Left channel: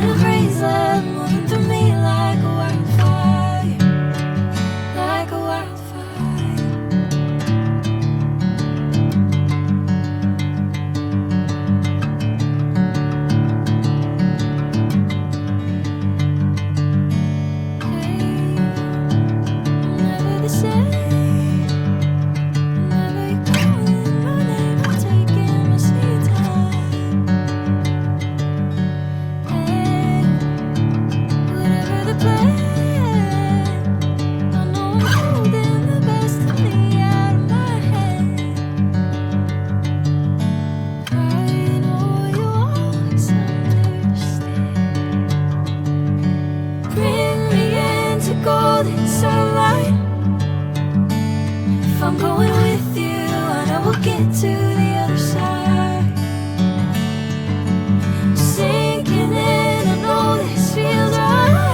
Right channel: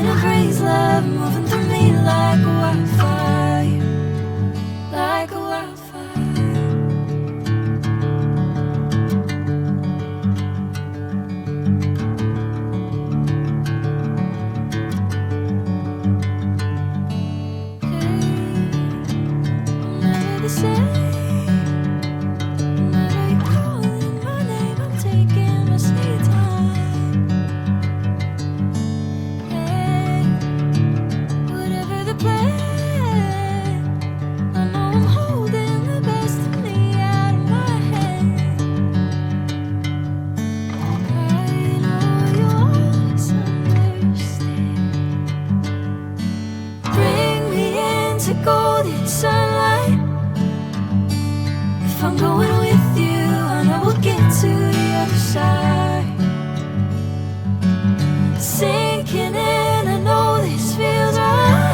in a haze, love moving through me like a wildfire, like a wildfire. Hey, I'm never the same. Whenever you're calling my name, I'm taking my sweet time. Hey, whatever the plan, I know I'm holding the best of me out of my hand. I know you always understand. Bring me into golden sunlight. If I'm going with you, I know we'll get to the other side. Sinking in, I know this feels right.